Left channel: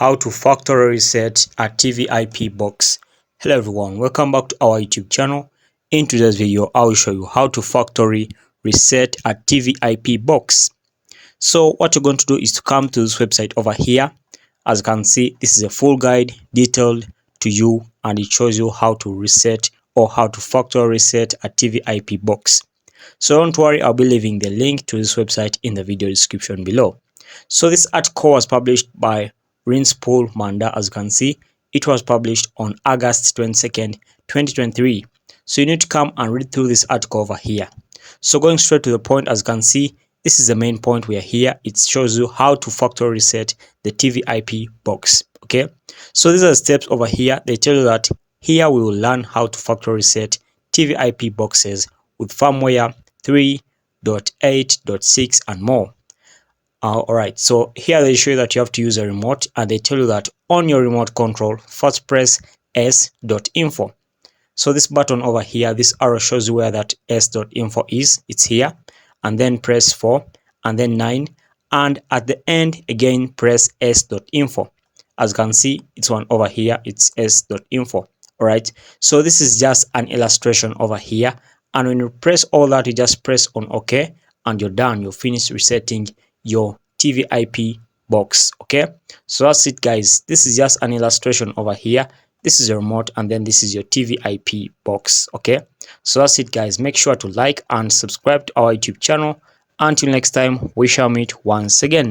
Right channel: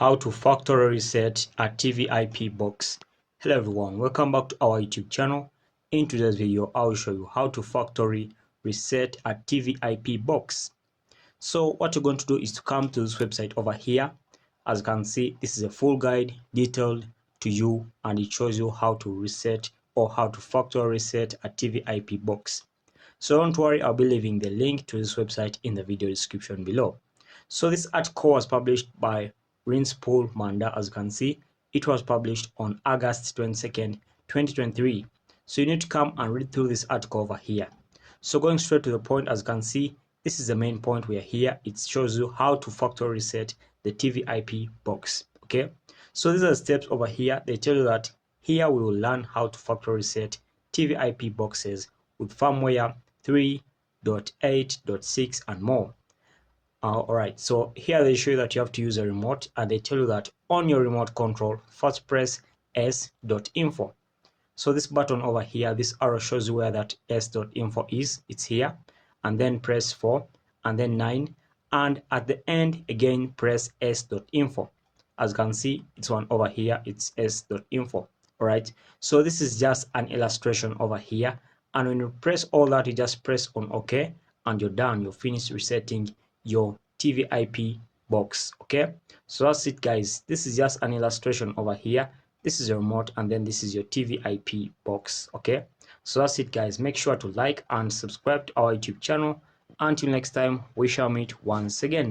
how to factory reset a TVIP box. Hello everyone, welcome back to our YouTube channel. In today's video, I will show you how to factory reset a TVIP box. So what you're going to do is to come to this website over here. As you can see, this is a full guide detailed to you, and it shows you how to reset or how to factory reset a TVIP box. So don't worry, I'll be leaving the link to this website in the video description below. So this article was published by Rinspool Manda. As you can see, it was published on August 22nd, 2023. So you need to come and read through this article over here. So going straight to the point, as you can see, this is the main point we are here. It shows you how to factory reset the TVIP box. Okay, so these are the steps over here. They tell you that here we will learn how to factory reset TVIP boxes with firmware 3.8.6 and more. Alright, so here they show you that you have to use a remote, and they tell you that on your remote control, first press s.info. So this button over here, this arrow shows you where that s.info is. It's here, and then press 4 and then 9, and at the end again press s.info. As you can see, it's one over here, it's s.info. Alright, so this is just an illustration over here, and when you press all that, you just press on OK, and you're done. You're finished resetting your TVIP box. Okay, so that's it guys. This is just an illustration over here. This is your remote, and then this is your TVIP box. Okay, so that's it guys. Make sure to like and subscribe to our YouTube channel. Until next time, we shall meet once again.